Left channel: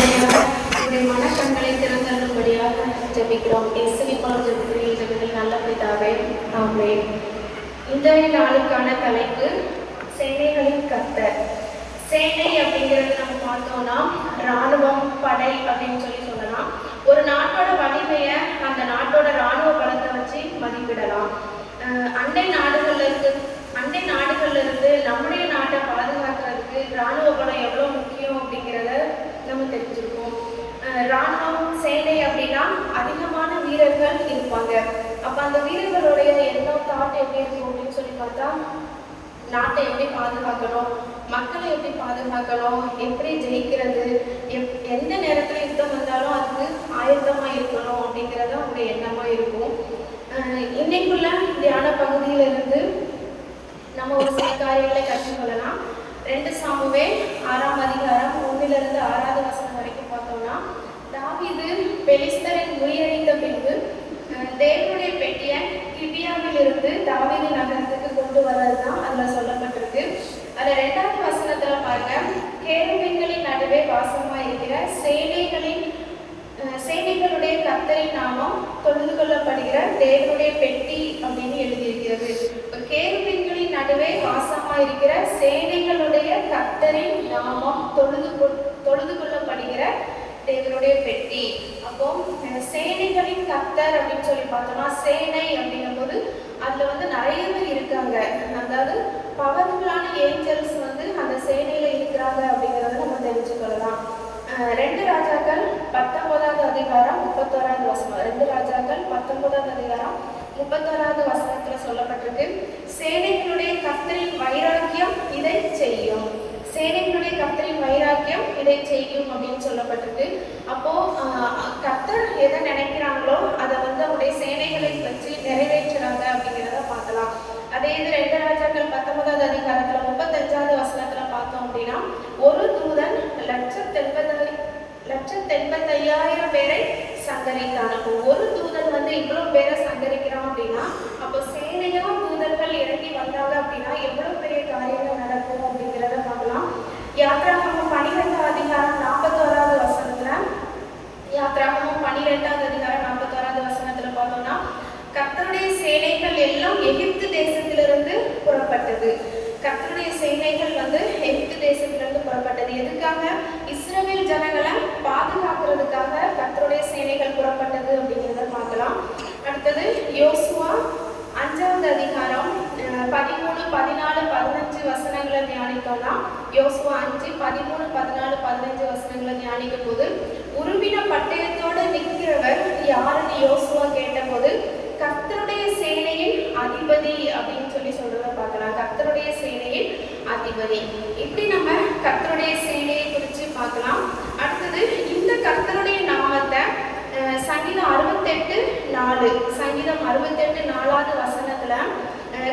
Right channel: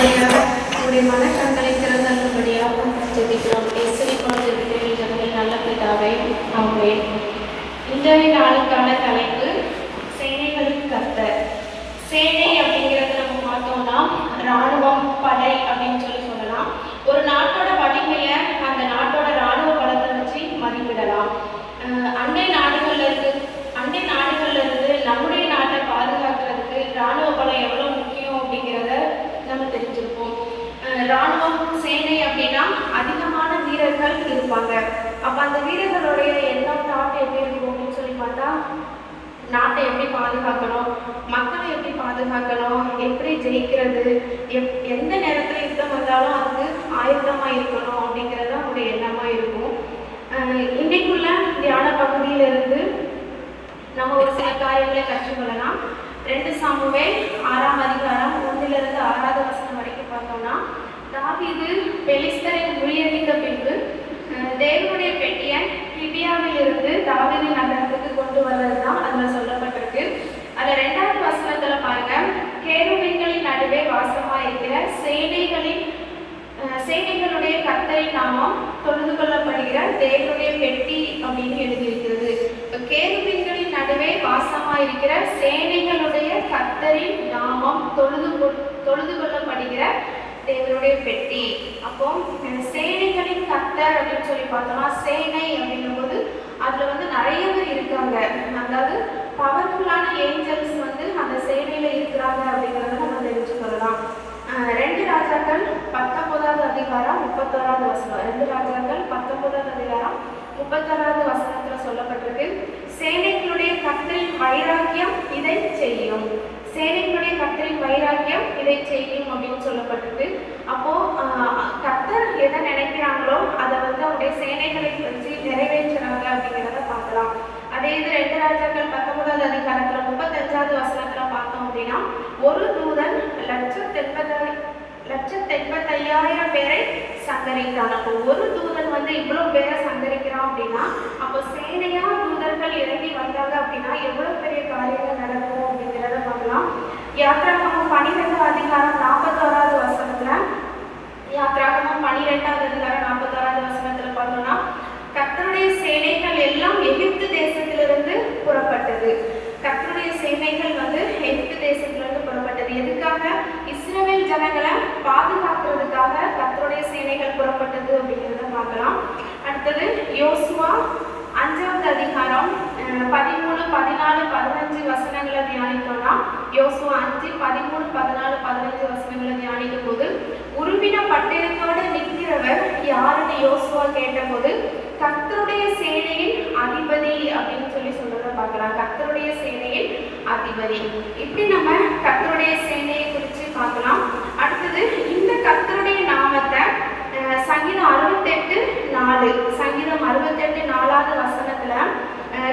படிப்படியாக உங்களுடைய மனக்கண்களை திறந்தருளும்படியாக ஜெபிக்கிறோம். இயேசுவின் ஜெபிக்கிறேன் ஜெபங்கள் நல்ல பிதாவே, ஆமென். இன்றைய நாளுக்கான தலைப்பு சேனைகளின் கர்த்தர். சேனை அப்படிங்கிறது நம்ம பார்த்தோம்னா இராணுவம், படை அப்படின்னு சொல்லலாம். ஒரு நாட்டோட வலிமையை அந்த நாட்டோட இராணுவ பலத்தை வச்சு மதிப்பிடலாம். அண்டை நாடுகள்ல இருந்து நம்முடைய நாட்டை பாதுகாக்கிறதுக்கு இராணுவ பலம் எவ்வளோ முக்கியம் அப்படிங்கிறத நம்ம தெரிஞ்சிருப்போம். இராணுவம், சேனை அப்படின்னா அதிகமான வீரர்கள் இருப்பாங்க. அப்போ அந்த வீரர்களுடைய எண்ணம், தாட் எப்படி இருக்கும் அப்படின்னு சொல்லி பார்த்தா, நாட்டை எப்படி பாதுகாக்கணும், மக்களை எப்படி பாதுகாக்கணும், எப்படி ஜெயிக்கிறது, எந்த நேரத்தில் யுத்தம் வந்தாலும் அதுக்கு ஆயுதமாக இருக்கணும் அப்படிங்கிறது அவங்களுடைய எண்ணமாக இருக்கும். இன்னைக்குள்ள தியான பகுதியிலிருந்து நம்ம ஒரு சில காரியங்களை கற்றுக்கொள்ளலாம். 2 சாமுவேல் 6ஆம் அதிகாரம் 1லிருந்து 6வது வசனம் வரைக்கும் பார்த்தோம்னா, தாவீது பெலிஸ்தரை முறியடித்த பின்பு தேவனுடைய பெட்டியை கிபியாவில் இருந்து தாவீது நகரத்துக்கு கொண்டு வர்றது தான் அதில் சொல்லப்பட்டிருக்கு. அதில் 2வது வசனத்துல பாருங்க, கேருபீன்களின் நடுவே வாசமாக இருக்கிற சேனைகளுடைய கர்த்தரின் நாமம் தொழுது கொள்ளப்படுகிற தேவனுடைய பெட்டி அப்படின்னு எழுதியிருக்கிறது. கேருபீன்களின் நடுவே வாசமாக இருக்கிற சேனைகளுடைய கர்த்தரின் நாமம் தொழுது கொள்ளப்படுகிற தேவனுடைய பெட்டி. அப்போ சேனைகளின் கர்த்தர் அப்படின்னு சொல்லி பார்த்தோம்னா, சேனை அப்படிங்கும் போது அதுல நிறைய பேர் இருக்காங்க. அதாவது பவர்ஃபுல்லான ஏஞ்சல்ஸ் அந்த சேனையில இருக்கிறாங்க அப்படிங்கிறத நம்ம தெரிஞ்சு கொள்ளலாம். 2 ராஜாக்கள் 19வது அதிகாரம் 31வது வசனம். 2 ராஜாக்கள் 19வது அதிகாரம் 31வது வசனத்துல சொல்லப்பட்டிருக்கு, சேனைகளுடைய கர்த்தரின் வைராக்கியம் இதை செய்யும். சேனைகளுடைய கர்த்தரின் வைராக்கியம் இதை செய்யும் அப்படின்னு சொல்லப்பட்டிருக்கு. அப்போ கர்த்தர் எதை நினைக்கிறாங்களோ அதை அவருடைய சேனைகளை வச்சு நிறைவேற்றுறாங்க அப்படிங்கிறத பார்க்கலாம். அதே இது 2 ராஜாக்கள் 19வது அதிகாரத்துல 35வது வசனத்துல பார்த்தோம் அப்படின்னா, ஒரு தூதன் 1,85,000 பேரை சங்கரித்தான். அப்போ ஒரு தூதன் இவ்வளவு பேரை சங்கரிக்கிறான் அப்படின்னா, அப்போ சேனையா தூதர்கள் இறங்கி வந்தாங்க அப்படின்னா எவ்வளவு பெரிய காரியங்கள் நடக்கும் அப்படிங்கிறத பார்க்கலாம். யாத்ராகமம் 12வது அதிகாரம் 41வது வசனத்துல, யாத்ராகமம் 12வது அதிகாரம் 41வது வசனத்துல பார்த்தோம்னா, கர்த்தருடைய சேனைகள் எல்லாம் எகிப்து தேசத்திலிருந்து புறப்பட்டது. கர்த்தருடைய சேனைகள் எகிப்து தேசத்திலிருந்து புறப்பட்டது. எதுக்காக? இஸ்ரவேல் ஜனங்களை பாதுகாக்கிறதுக்காக கர்த்தருடைய சேனைகள் புறப்பட்டது அப்படிங்கிறத பார்க்கலாம். அடுத்தது யோசுவா 5வது அதிகாரம் 13, 14, 15 வசனங்களை தியானித்தோம்னா, யோசுவா 5, 13, 14, 15 வசனங்களை தியானிக்கும் போது, உருவின பட்டயத்தோடு நிற்கிறவர் யாருன்னு யோசுவா கேட்டபோது, கர்த்தருடைய சேனையின் அதிபதி அப்படின்னு சொல்றத பார்க்கலாம். கர்த்தருடைய சேனையின் அதிபதி. இப்படி நம்ம கர்த்தருடைய சேனையை குறித்து பார்க்கலாம். அடுத்தது இந்த கர்த்தருடைய நாமத்தை சங்கீதம் 68:4, சங்கீதம் 68:4வது வசனத்துல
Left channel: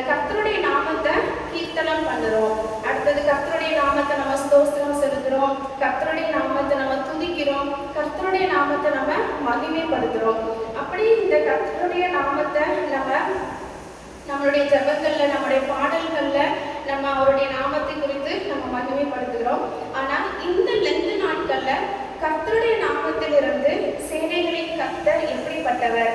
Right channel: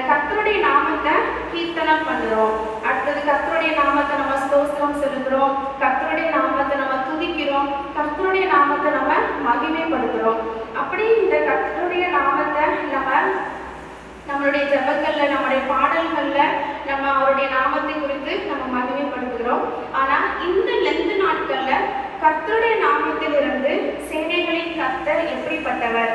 கர்த்தருடைய நாமத்தை கீர்த்தனம் பண்ணுறோம். அடுத்தது கர்த்தருடைய நாமத்தை நம்ம ஸ்தோத்திரம் செலுத்துறோம், கர்த்தருடைய நாமத்தை நம்ம துதிக்கிறோம், கர்த்தருடைய நாமத்தை நம்ம மகிமைப்படுத்துறோம். அப்படி இந்த கர்த்தருடைய நாமத்தை நம்மளுடைய ஜெபங்கள்ல, நம்மளுடைய பாடல்கள்ல நம்ம அவருடைய நாமத்தை குறித்து நம்ம மகிமைப்படுத்துகிறோம். ஆனா இந்த லெந்து நாட்கள்ல கர்த்தருடைய நாமத்திலிருந்து சேனைகளின் கர்த்தர் எப்படிப்பட்டவர்,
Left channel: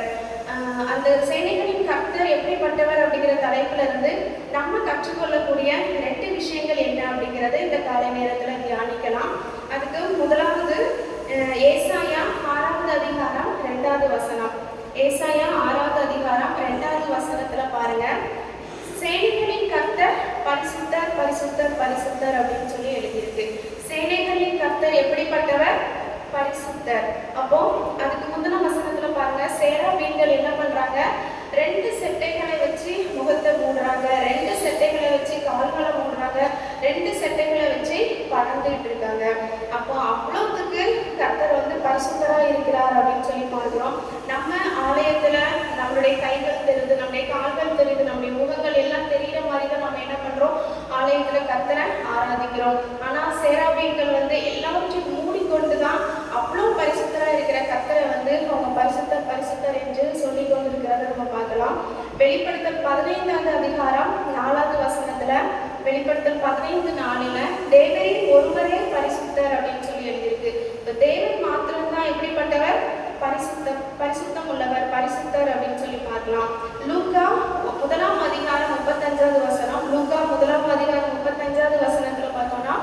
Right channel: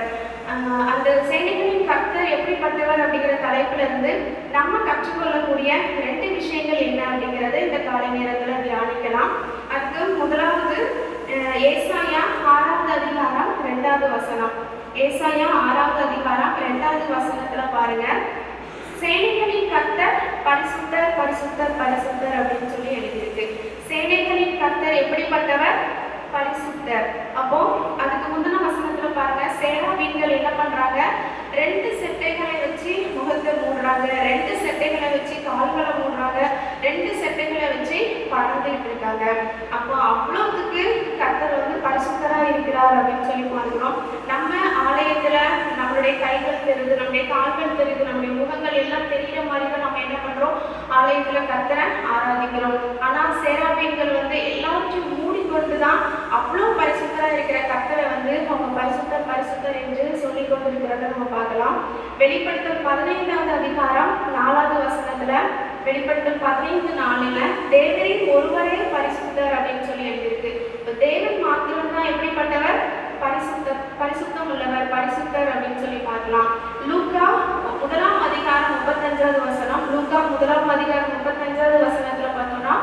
அந்த சேனைகளின் கர்த்தர் எப்படிப்பட்டவர் அப்படிங்கிற தலைப்புல இருந்து நம்ம கற்றுக்கொள்ளக்கூடிய 2 விஷயங்கள் என்ன அப்படிங்கிறத இந்த காலை நேரத்துல தியானிக்கலாம். அதுக்கு முதலாவது ஏசாயா 6வது அதிகாரம் 2வது வசனம். ஏசாயா 6வது அதிகாரம் 2வது வசனத்துல பாருங்க, சேனைகளின் கர்த்தர் பரிசுத்தர் பரிசுத்தர் பரிசுத்தர் அப்படின்னு சொல்லி எழுதியிருக்கு. சேனைகளின் கர்த்தர் எப்படிப்பட்டவர்? பரிசுத்தர். அப்போ அதுக்கு முந்தின வசனத்துல பாருங்க, சேராபீன்கள் என்ன பண்றாங்க? 2 செட்டைகளை வச்சு முகத்தை மூடுறாங்க, 2 செட்டைகளை வச்சு கால்களை மூடுறாங்க, 2 செட்டைகளை வச்சு பறந்துட்டு இருக்காங்க. அப்போ அவ்வளவுக்கு கர்த்தர் பரிசுத்தரா இருக்கிறார் அப்படின்னு சொல்லி பார்க்கிறோம். நம்ம ஆலயத்துல நம்மளுடைய கைகள் தெரியுது, நம்முடைய கால்கள் தெரியுது, நம்முடைய முகங்கள் எல்லாம் தெரிகிற மாதிரி தான் நம்ம என்ன பண்றோம்? ஆலயத்துல கர்த்தரை ஆராதிக்கிறோம். ஆனா சேராபீன்கள் எல்லாவற்றையும் மூடிக்கொண்டுதான் அவ்வளோ பரிசுத்தரா இருக்கிற கர்த்தரை அவங்க பரிசுத்தர் பரிசுத்தர் என்று சொல்லி கொண்டிருக்கிறத நம்ம பார்க்கலாம். வெளிப்படுத்தல் 15வது அதிகாரம் 4வது வசனத்துல, வெளிப்படுத்தல் 15:4 தேவரின் ஒருவரே பரிசுத்தர் அப்படின்னு சொல்லி எழுதியிருக்கு. தேவன் பரிசுத்தம் உள்ளவர், பரிசுத்தர் அப்படின்னு சொல்லி பார்க்கலாம். லூக்கா 1ஆம் அதிகாரம் 35வது வசனம். லூக்கா 1ஆம் அதிகாரம் 35வது வசனத்துல பார்த்தோம்னா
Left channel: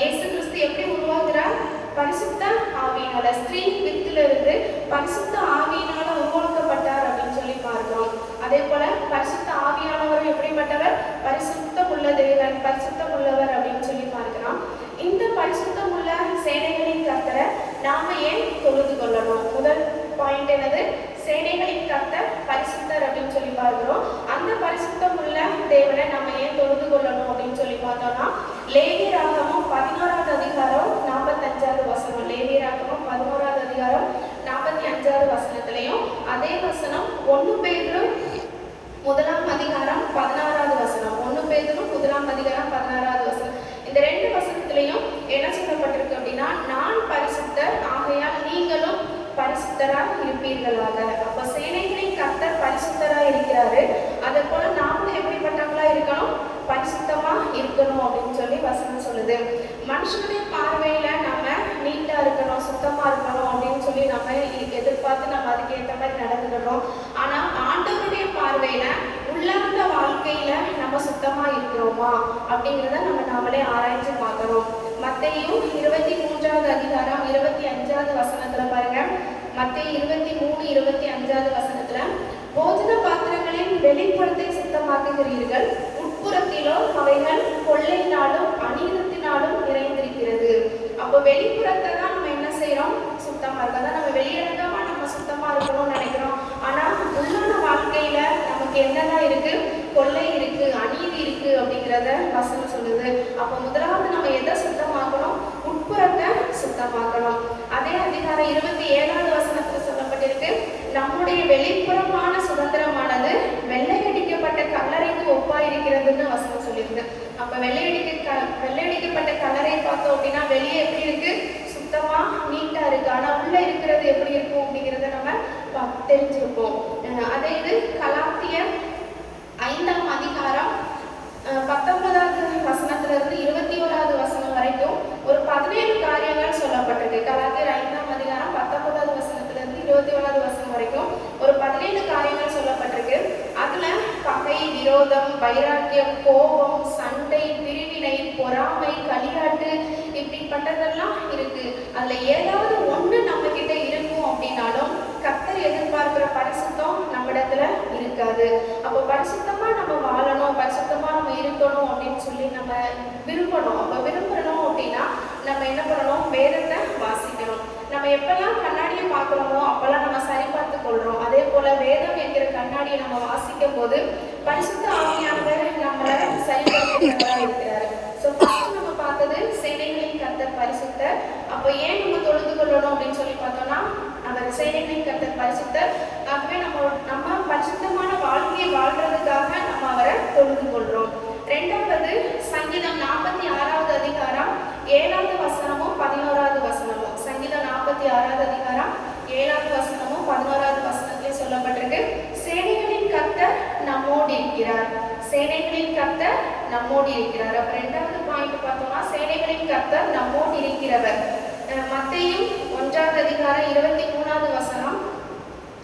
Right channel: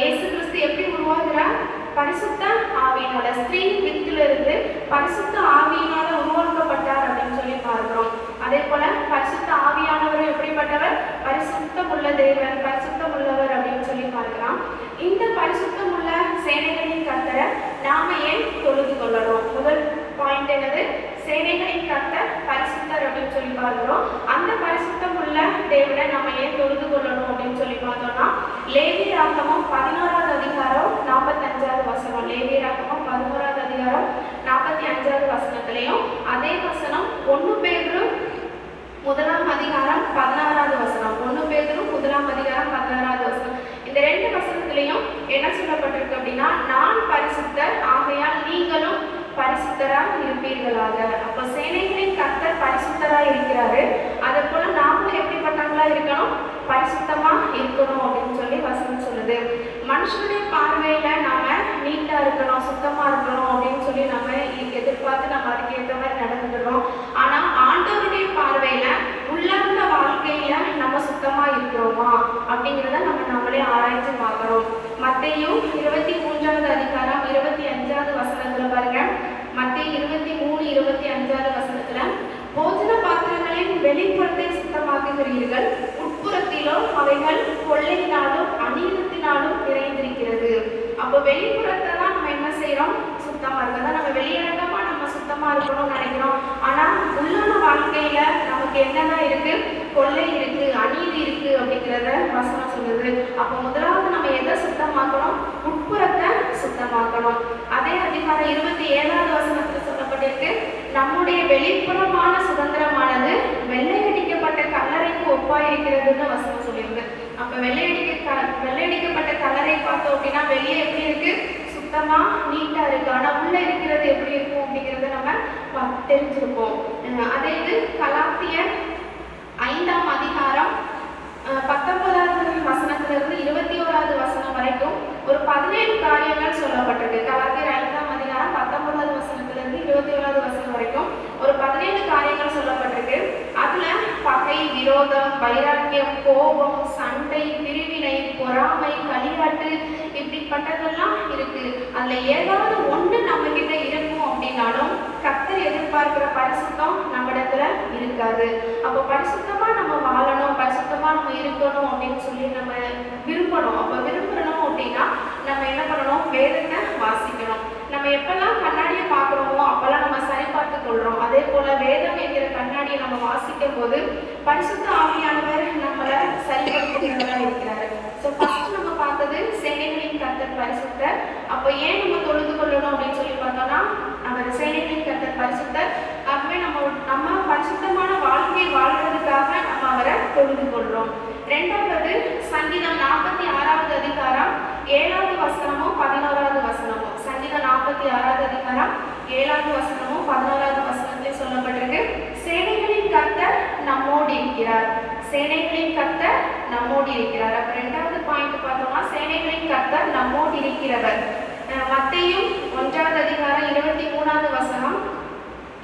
இயேசு கிறிஸ்து எப்படி உருவாகிறார்? பரிசுத்த ஆவியினால, ஸ்திரீ வித்திலிருந்து பரிசுத்த ஆவியினால உருவாக்கப்பட்டார் அப்படின்னு சொல்லி பார்க்கிறோம். அதே போல பரிசுத்த ஆவியானவர் எப்படிப்பட்டவர்? பரிசுத்தம் உள்ள தேவன், பரிசுத்தம் உள்ளவர் அப்படின்னு சொல்லி பார்க்கலாம். இந்த பரிசுத்தம் உள்ள சேனைகளின் கர்த்தரை நாம ஏன் தொழுது கொள்ளணும்? முதல் பாயிண்ட் என்னது? சேனைகளின் கர்த்தர் பரிசுத்தர் அப்படின்னு சொல்லி பார்க்கிறோம். அந்த பரிசுத்தம் உள்ள தேவனை நம்ம ஏன் தொழுது கொள்ளணும் அப்படின்னு சொல்லி பார்த்தோம்னா, லேவியராகமம் 11வது அதிகாரம் 45வது வசனம். லேவியராகமம் 11வது அதிகாரம் 45வது வசனத்திலையும் அதே வசனம் 1 பேதுரு 1ஆம் அதிகாரம் 16வது வசனம். 1 பேதுரு 1ஆம் அதிகாரம் 16வது வசனம். இந்த 2 வசனத்திலையும் என்ன சொல்லப்பட்டிருக்கு அப்படின்னா, நான் பரிசுத்தர் ஆகையால் நீங்களும் பரிசுத்தராக இருப்பீர்களாக. அப்ப சேனைகளின் கர்த்தர் பரிசுத்தரா இருக்கிறாரு. அதே போல நாமளும் எப்படிப்பட்டவங்களா இருக்கணும்? பரிசுத்தமா இருக்கணும் அப்படின்னு சொல்லி வசனம் சொல்லுது. மனுஷனுடைய பார்வையில நாம நீட்டா இருக்கணும், சுத்தமா இருக்கணும் அப்படின்னு சொல்லி நம்ம எதிர்பார்த்து நம்ம அதுக்கு ஏற்ற மாதிரி நடந்துக்கிறோம். ஆனா ஆண்டவருடைய பார்வையில உள்ளார்ந்த வாழ்க்கையில நம்ம சுத்தமா இருக்கிறோமா அப்படிங்கிறத நம்ம நாமளே ஆராய்ச்சி பார்க்கணும். மத்தேயு 23வது அதிகாரம் 25வது வசனத்துல பாருங்க. மத்தேயு 23:25வது வசனத்துல, போஜன பாத்திரங்களின் வெளிப்புறத்தை சுத்தமாக்குகிறீர்கள், உட்புறத்திலோ அவைகள் கொள்ளையினாலும் அநீதத்தினாலும் நிறைந்திருக்கிறது. அப்போ வெளிப்புறத்தை தான் நம்ம என்ன செய்யறோம்? சுத்தமா இருக்கதான். நம்ம வெளியரங்கமா நம்ம சுத்தமா இருக்கணும்னு நினைக்கிறோம். ஆனா உள்ளான வாழ்க்கையில நமக்கு என்னதான் இருக்கு? கொள்ளை இருக்கு, அநீதி இருக்கு அப்படிங்கிறத வசனம் சொல்லுது. அப்போ முதலாவது நம்ம எதை சுத்தமாக்கணும்? உட்புறத்தை சுத்தமாக்கணும். அதே அதிகாரம் 27வது வசனத்துல சொல்லப்பட்டிருக்கு, நம்முடைய வெளிப்புறமான சுதந்திரமானது வெள்ளையடிக்கப்பட்ட கல்லறைக்கு ஒப்பாயிருக்கிறதுன்னு வசனம் சொல்லியிருக்கு. அப்ப வெள்ளையடிக்கப்பட்ட கல்லறை பார்த்தோம் அப்படின்னா வெளியே எப்படி இருக்கு? சுத்தமா நீட்டா இருக்கு. ஆனா உள்ள இருக்கிறது எப்படி இருக்கும் அப்படிங்கிறத நம்ம தெரிஞ்சிருப்போம். அதே இது கலாத்தியர் 5ஆம் அதிகாரம் 19வது வசனத்திலிருந்து 21வது வசனம் வரைக்கும் ஒரு 17 காரியங்கள் சொல்லப்பட்டிருக்கு. கலாத்தியர் 5ஆம் அதிகாரம் 19வது வசனத்திலிருந்து 21வது வசனம் வரைக்கும் ஒரு 17 காரியங்கள் சொல்லப்பட்டிருக்கு. அதுல பகை, விரோதம், வைராக்கியம், கோபம், சண்டை, பிரிவினை, பொறாமை, களியாட்டு இப்படிப்பட்டதெல்லாம் இருக்கு. அதுல ஏதாவது ஒன்று நம்ம கிட்ட இருக்கும் அப்படின்னாலும் கர்த்தர் எதிர்பார்க்கிற பரிசுத்தம் நம்மிடத்துல இருக்காது. அப்போ பரிசுத்தமா நம்ம வாழணும், பரிசுத்தமா நம்ம இருக்கணும் அப்படின்னு சொல்லி நம்ம விரும்பணும். அப்போ விரும்பணும் அப்படின்னா நம்ம என்ன பண்ணணும்? வேதத்தை வாசிக்கணும். நம்ம எப்பெல்லாம் கண்ணாடியை பார்க்குறோமோ அப்பெல்லாம் நம்ம சரி பார்த்து கொள்றோம். அதே போல வேதம் என்கிற கண்ணாடியை நம்ம வாசிக்கும் போது பரிசுத்த ஆவியானவர் நம்மளை சரிப்படுத்துகிறவராக இருக்கிறாரு. ஸோ ஃபர்ஸ்ட் நம்ம பார்த்தது சேனைகளின் கர்த்தர் பரிசுத்தர். அப்போ ஏன் நம்ம தொழுது கொள்ளணும் அப்படின்னு சொல்லி பார்த்தோம்னா, அந்த சேனைகளின் கர்த்தர் பரிசுத்தர். ஆகவே நம்ம பரிசுத்தமான வாழ்க்கையை வாழ்றதுக்காக நம்ம அவரை தொழுது கொள்றோம். ரெண்டாவது சங்கீதம் 46வது அதிகாரம் 7வது வசனமும் 11வது வசனமும். சங்கீதம் 46வது அதிகாரம் 7வது வசனமும் 11வது வசனத்திலே சொல்லப்பட்டிருக்கு, சேனைகளின் கர்த்தர் நம்மோடு இருக்கிறார். சேனைகளின் கர்த்தர் நம்மோடு இருக்கிறார். அப்ப ரெண்டாவது பாயிண்ட் பார்த்தோம்னா சேனைகளின் கர்த்தர் நம்மோடு இருக்கிறவர். மத்தேயு 1வது அதிகாரம் 23வது வசனம்,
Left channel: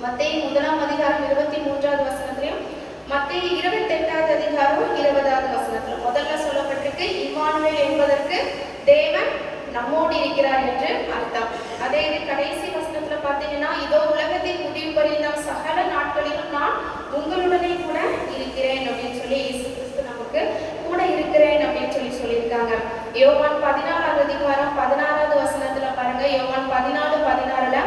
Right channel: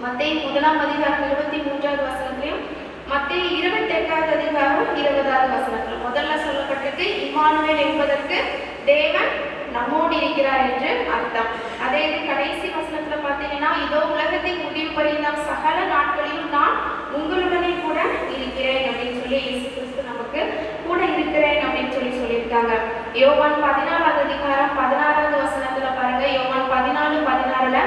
மத்தேயு 1ஆம் அதிகாரம் 23வது வசனத்திலையும் மத்தேயு 28வது அதிகாரம் 20வது வசனத்துல முதல்ல சொல்லப்பட்டிருக்கு இம்மானுவேல் என்பதற்கு தேவன் நம்மோடு இருக்கிறார் என்று அர்த்தம். அதே இது கடைசி வசனத்துல பார்த்தீங்கன்னா, இதோ உலகத்தின் முடிவு பரியந்தம் சகல நாட்களிலும் நான் உங்களுடனே கூட இருக்கிறேன் அப்படின்னு சொல்லி இயேசு கிறிஸ்து நமக்கு கூட இருக்கிறேன் அப்படின்னு சொல்லியிருக்காங்க. யோவான் 14வது அதிகாரம் 16வது வசனத்துல பாருங்க. யோவான் 14:16ல,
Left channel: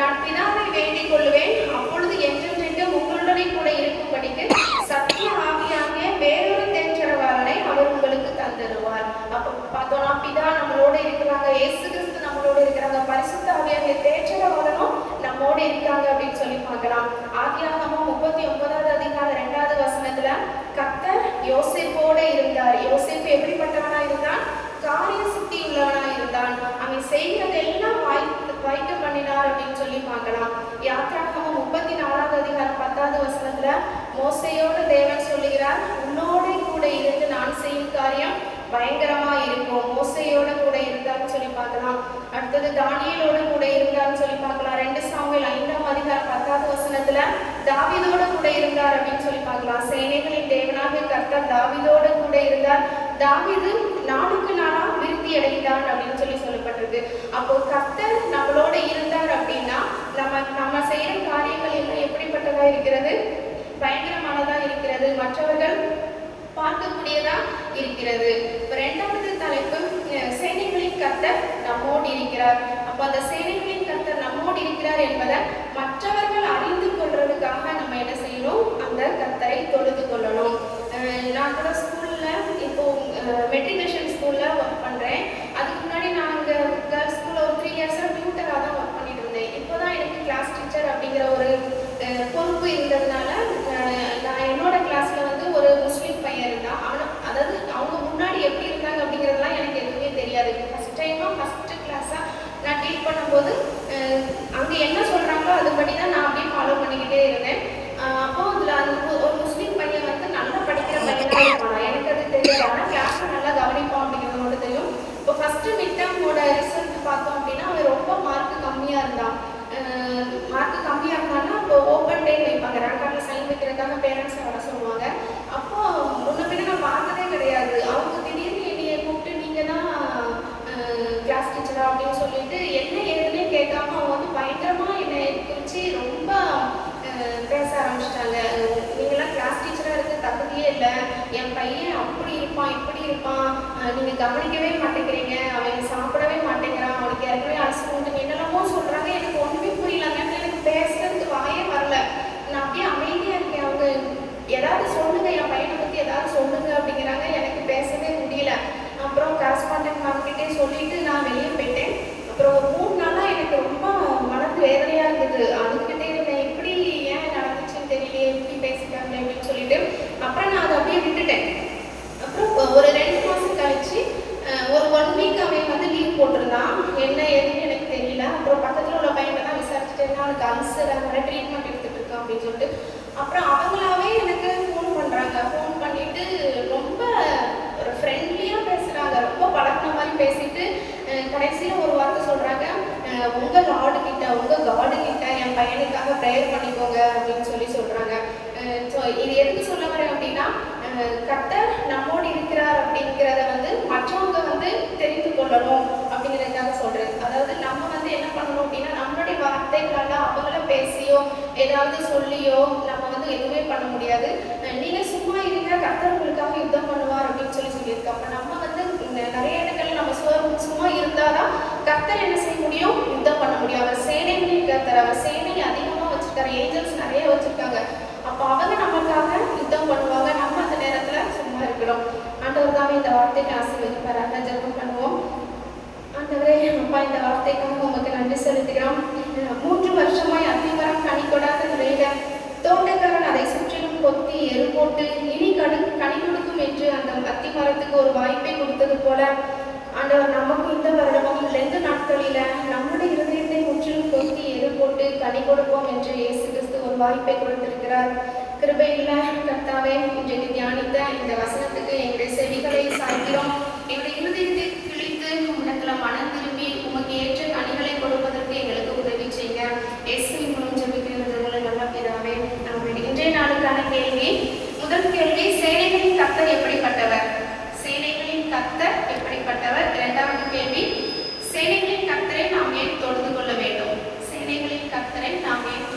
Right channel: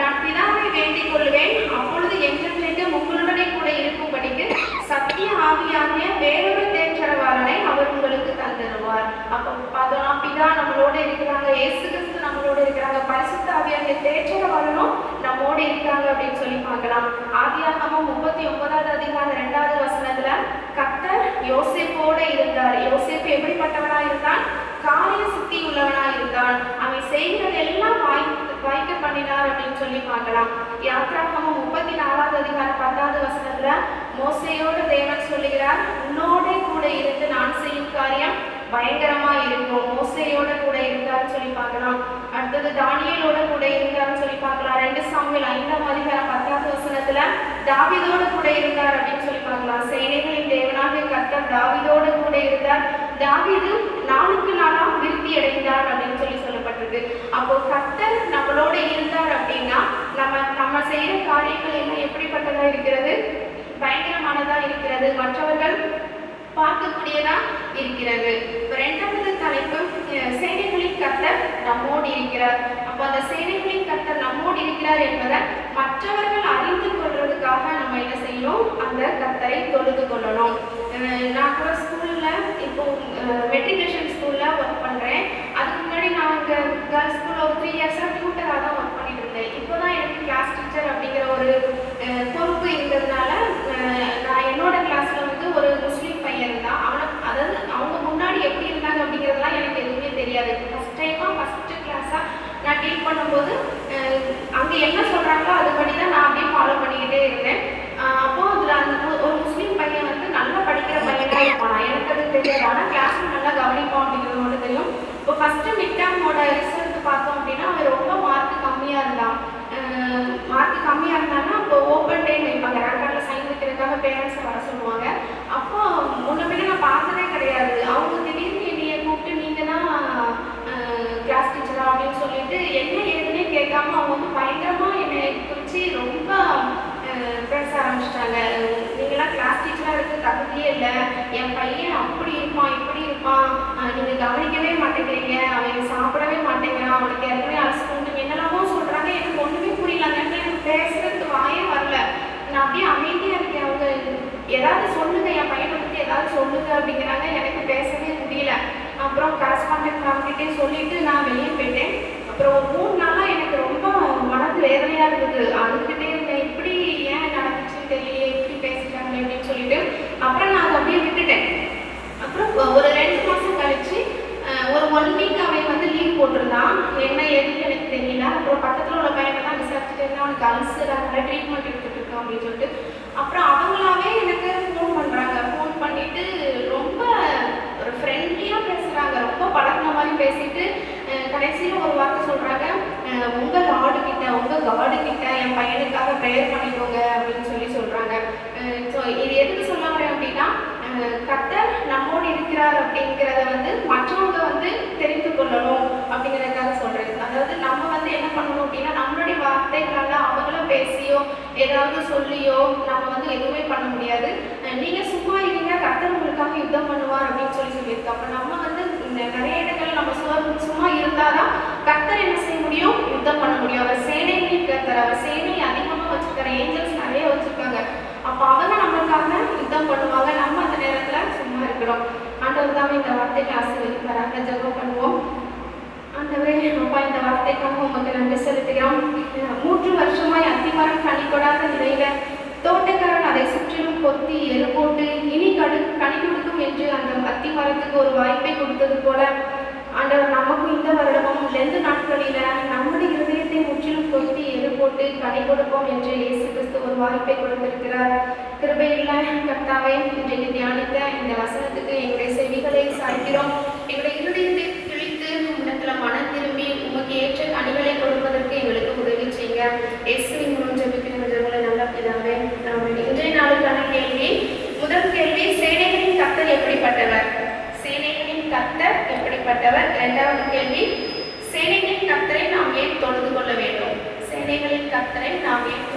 நான் பிதாவை வேண்டிக் கொள்வேன், அப்பொழுது என்றென்றைக்கு உங்களுடனே கூட இருக்கும்படிக்கு சத்திய ஆவியாகிய வேறொரு தேற்றரவாளனை அவர் உங்களுக்கு தந்துடுவார். அப்போ பார்த்தோம்னா பிதா நம்மளோட இருக்கிறாங்க, இயேசு கிறிஸ்து நம்மளோட இருக்கிறாங்க, பரிசுத்த ஆவியாகிய தேற்றரவாளனும் நம்மோடு இருக்காங்க அப்படின்னு சொல்லி பார்க்கலாம். ஆதியாகமம் 39வது அதிகாரம் 2வது வசனத்துல, கர்த்தர் யோசேப்போட இருந்தார். யோசேப்பு எப்படிப்பட்டவனா இருந்தான்? காரிய சுத்தி உள்ளவனா இருந்தான். அவன் செய்கிறது எல்லாம் வாய்க்க பண்ணினார் அப்படின்னு சொல்லி பார்க்கலாம். யாத்ராகமம் 34வது அதிகாரம் 10வது வசனத்துல, மோசேயோட தேவன் சொல்லுகிறார், உன்னோட கூட இருந்து நான் செய்யும் காரியம் பயங்கரமா இருக்கும். மோசேயோட கூட இருந்தான்னு சொல்லி பார்க்கலாம். அடுத்தது தானியேலோட கூட இருந்தான்னு சொல்லி பார்க்கலாம். 2 சாமுவேல் 5ஆம் அதிகாரம் 10வது வசனத்துல தாவீதோடு கூட இருந்தார் அப்படின்னு சொல்லி பார்க்கலாம். சேனைகளின் தேவனாகிய கர்த்தர் தாவீதோடு கூட இருந்தார், தாவீது நாளுக்கு நாளா விருத்தி அடைந்தார் அப்படின்னு சொல்லி சொல்லப்பட்டிருக்கு. அப்போ கர்த்தர் நம்மளோட இருந்தார் அப்படின்னா நம்ம செய்யற காரியங்கள் எல்லாம் எப்படிப்பட்டதா இருக்கிறது? பயங்கரமானதா இருக்கிறது, மற்றவர்கள் பார்க்கக்கூடியதா இருக்கிறது. இரண்டாவது தலைப்பு, சேனைகளின் கர்த்தர் நம்மோடு இருக்கிறார். அப்போ அந்த சேனைகளின் கர்த்தர் நம்மோடு இருக்கிறார் என்பதை மற்றவர்கள் அறிந்து கொள்றதுக்காக நம்ம என்ன செய்யணும்? அந்த கர்த்தரை தொழுது கொள்ளணும். நான் கூட ஸ்கூல்ல இப்போ மெட்ரிகுலேஷன் ஸ்கூல்ல ஒர்க் பண்றேன். அதுக்கு முன்னாடி நான் இங்க கேர்ள்ஸ் ஸ்கூல்ல ஒரு 3 இயர்ஸா டியூட்டரா தான் ஒர்க் பண்ணிட்டு இருந்தேன். இப்போதான் எனக்கு கிளாஸ் டீச்சர் அப்படிங்கிற ஒரு பொறுப்பு இருந்ததுனால நான் என்னோட கிளாஸ்ல வந்து ஒரு முஸ்லீம் பையன் இருந்தான். அதாவது அவங்க முன்னாடி எப்படி இருந்தாங்க அப்படிங்கிறதுலாம் எனக்கு எதுவுமே தெரியாது. ஃபர்ஸ்ட் கிளாஸா நான் டீல் பண்ணும்போது அங்கே என்ன சொல்றாங்களோ அதுபடி தான் நான் அப்படியே ஃபாலோ பண்ணிக்கிட்டே இருந்தேன். அப்போ அதில் ஒரு முஸ்லீம் பையன் வந்து நல்லா படிக்கிற பையனா இருப்பானா, எனக்கு அது தெரியாது. ஆனால் கிளாஸ்ல நல்லா கவனிப்பான் அப்படிங்கிறது மட்டும் தெரியும். இப்போ ஃபர்ஸ்ட் மிட் டேர்மோட ரிசல்ட் பார்த்தோம் அப்படின்னா அவன் ரொம்ப மார்க் கம்மியாக இருந்தான். அப்போ ஓப்பன் டே வைப்பாங்க, ரேங்க் கார்டில் சைன் வைக்கிறதுக்காக பேரண்ட்ஸை வர சொல்லுவாங்க. அப்போ முன்ன பின்ன நான் பார்த்ததே கிடையாது. அவங்க திடீர்னு என்னைய கூப்பிட்டு நீங்கள் தான் கிளாஸ் டீச்சரா அப்படின்னு சொல்லிட்டு என்ன ஏதுன்னே கேட்காம அவங்க வந்து பயங்கரமாக என்னை குறித்து ரொம்ப பேச ஆரம்பிச்சிட்டாங்க. நீங்களாம் கிளாஸ் டீச்சராக இருக்க தகுதியே இல்லை, என் பையன் அப்படி இருப்பான் இப்படி இருப்பான், நீங்கள் கவனிக்கவே மாட்டேங்கிறீங்க, அவன் சாப்பிடவே மாட்டேங்கிறான், அவனுக்கு ஏற்கனவே அலசிக்கணும், என்னெல்லாமோ சொல்கிறாங்க. எனக்கு ஒன்றுமே புரியல. அந்த இடத்துல எனக்கு பேசுறதுக்கு வாயே வரல. நான் அப்படியே அமைதியாக இருக்கேன். அவங்க ஏதாவது சொல்லுங்க, என் பையனை பற்றி ஏதாவது சொல்லுங்க அப்படிங்கிறாங்க. எனக்கு பேசவே முடியல. அப்புறம் கரஸ்பாண்டன்ட் மேம்கிட்டே சொல்லிட்டு நான் வெளியே போயிட்டேன். அப்புறம் ஒரு 3 நாளாக எனக்கு ரொம்ப மனது வேதனையாக இருந்தது. அதுக்கிட்டே இருந்தேன், இப்படி ஏன் நடந்துச்சுன்னு தெரியலையே, இப்படி பேசிட்டாங்க அப்படின்னு சொல்லிட்டு. அப்புறம் நான் அதை அப்படியே விட்டுட்டேன். அப்புறம் ஒரு 2 மாதம் கழிச்சு ஒரு 1 வீக் அவன் வந்து லீவ் போட்டிருந்தான். என்ன ஏதுன்னு எனக்கு தெரியல. அப்புறம் பக்கத்தில் உள்ள பையனை தான் விசாரிச்சுட்டு இருந்தேன், அவனுக்கு அல்சர் அதனால ட்ரீட்மெண்ட் எடுத்துட்டு இருக்கான் அப்படின்னு சொல்லிட்டு. அப்புறம் அவங்களாவே எனக்கு ஃபோன் பண்ணுறாங்க. ஃபோன் பண்ணிட்டு ரொம்ப ஒரு ஃப்ரெண்ட்லியாக பேசுகிறாங்க, ரொம்ப பழகின மாதிரி பேசிட்டு கடைசியில் ஒரு வார்த்தை சொல்கிறாங்க, உங்கள் லார்டு கிட்ட உங்கள் காடு கிட்ட என் பையனுக்காக ப்ரேயர் பண்ணிக்கோங்க அப்படின்னு சொல்லி சொல்கிறாங்க. ஸோ இது எதுக்கு சொல்ல வரேன் அப்படின்னா, கர்த்தர் நம்மோடு இருக்கிறார் அப்படிங்கிறத வந்து மற்றவங்க வந்து தெரிந்து கொள்ளணும் அப்படிங்கிறதுக்காக சொல்கிறது. அதாவது நம்ம வந்து என்ன பண்ணணும் அப்படின்னா, நம்மளுடைய வார்த்தைகளால் அவங்கள பேசியோ ஏதாவது சொல்லியோ நம்ம வந்து எதுவுமே பண்ண முடியாது. நீங்கள் சும்மா இருங்க, கர்த்தர் உங்களுக்காக யுத்தம் பண்ணுவார் அப்படின்னு சொல்லியிருக்கு. அப்போ நம்ம வந்து நிறைய இடங்கள்ல நம்ம சும்மா இருந்தால் தான் கர்த்தர் என்ன செய்ய முடியும்? யுத்தம் பண்ண முடியும். அவர் சேனைகளின் கர்த்தர், அவர் சேனையை அதிகமாக வச்சுருக்காரு, ஏஞ்சல்ஸ் நிறைய வச்சுருக்காங்க. அப்போ அவங்க நமக்காக யுத்தம் பண்ணுவாங்க. நம்ம அந்த நேரத்தில் சும்மா இருக்கணும். ஆண்டவர் தான் இந்த வார்த்தைக்கு ஆசீர்வதிப்பாராக. ஜெபம் பண்ணுவோம். ஆண்டவரே, அப்பா, இந்த வார்த்தைக்காக உங்களுக்கு நன்றி செலுத்துகிறோம். 3 வருஷமாய் அத்திமரம் கனி கொடாத நிலையில தோட்டக்காரன் அதை சுற்றிலும் கொத்தி எரு போட்டு இனி கனி கொடுக்கும் என்று அந்த அத்திமரத்துக்கு ஒரு வாய்ப்பை கொடுத்தது போல ஆண்டவர் நமக்கு இந்த வருடமும் 2 நாட்களில நம்முடைய இருதயத்தை முற்றிலும் கொத்தி எரு போட்டு கனி கொடுப்போம் என்று இயேசு கிறிஸ்து ஒரு வாய்ப்பை கொடுத்திருக்கிறார். கிருபையுள்ள கர்த்தாவே, இன்றைக்கு தியானித்த இந்த வசனத்துக்கு எங்களுடைய செவிகளை சாய்க்கிறோம். எங்களுடைய இருதயத்தை கிழித்து உம்மிடத்துல மனம் திரும்பி உமக்கு ஏற்ற கனிகளை கொடுப்பதற்கு எங்களுக்கு உதவி செய்யுங்க. இயேசுவின் மூலம் ஜெபிக்கிறவர்களை நல்ல பிதாவே, ஆமென். இன்றைய நாளுக்கான கேள்வி, முதல் கேள்வி, சேனைகளின் கர்த்தர் எப்படிப்பட்டவர்? சேனைகளின் கர்த்தர் எப்படிப்பட்டவர்? இரண்டாவது கேள்வி, சேனைகளின் கர்த்தரை நாம் ஏன் தொழுது கொள்ள வேண்டும்? சேனைகளின் கர்த்தரை நாம் ஏன்